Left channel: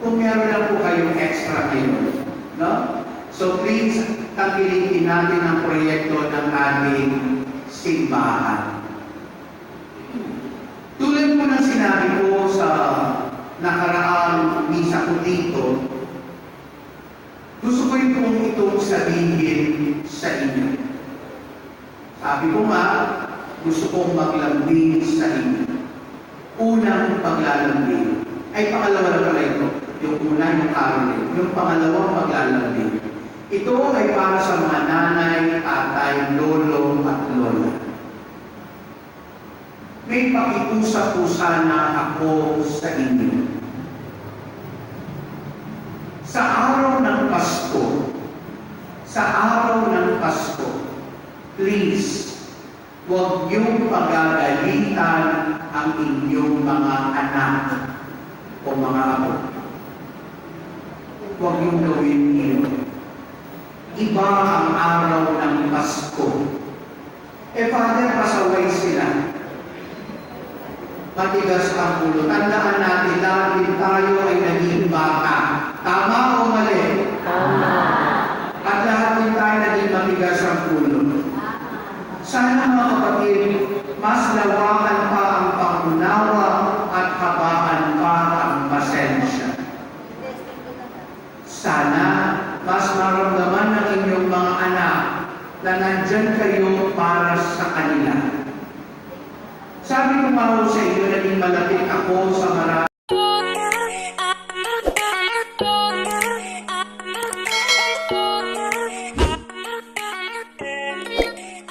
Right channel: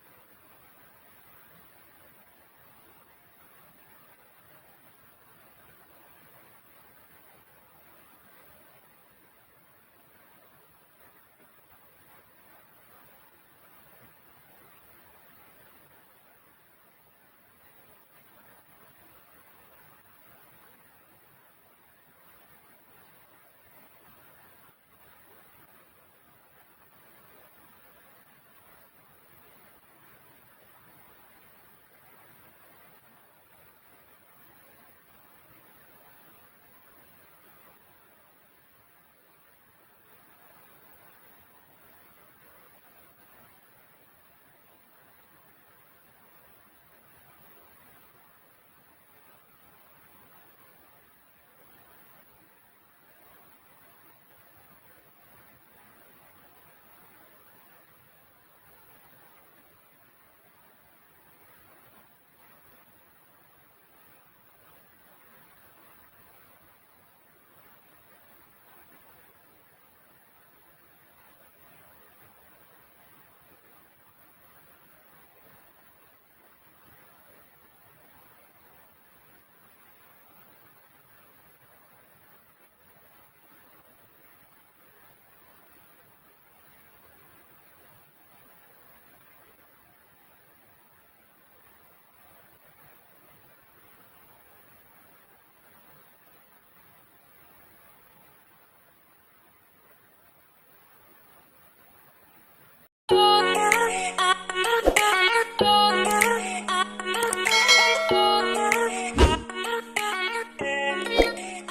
kung meron lang po kayong extra ngayon. No? So please, tangkilikin natin ang proyekto ng ating simbahan. Tulad po ng sinabi ko sa nakaraang misa ko dito, gusto ko rin pong itong sabihin sa inyo. Sabi ko nga, gusto kong maglambing sa inyo. Unang paglalambing. Ay, pangalawa na pala ito. Yung una, yung Caroline. Yung pangalawang paglalambing. Ito ay para sa mga nanay, tatay, lolo at lola. May pakiusap po sana ako sa inyo. Sa araw ng Pasko, please, huwag niyong pagagalitan ang inyong mga anak o mga apo. Huwag niyong gawin iyon. Iba ang araw ng Pasko. Father, pasaway sila. Matigas ang ulo. Tandaan natin, dahil tayo ay naging bata. Tama o mali? Tama. At lahat din tayo naging matigas ang ulo. Sana mga kapatid, mas lawakan pa ang pangunawa at habaan pa ang pasensya. Sana mas maramdaman ng inyong mga anak na nandyan kayo para sa kanila. Sabi ko nga sa inyo, naging malapit ako sa marami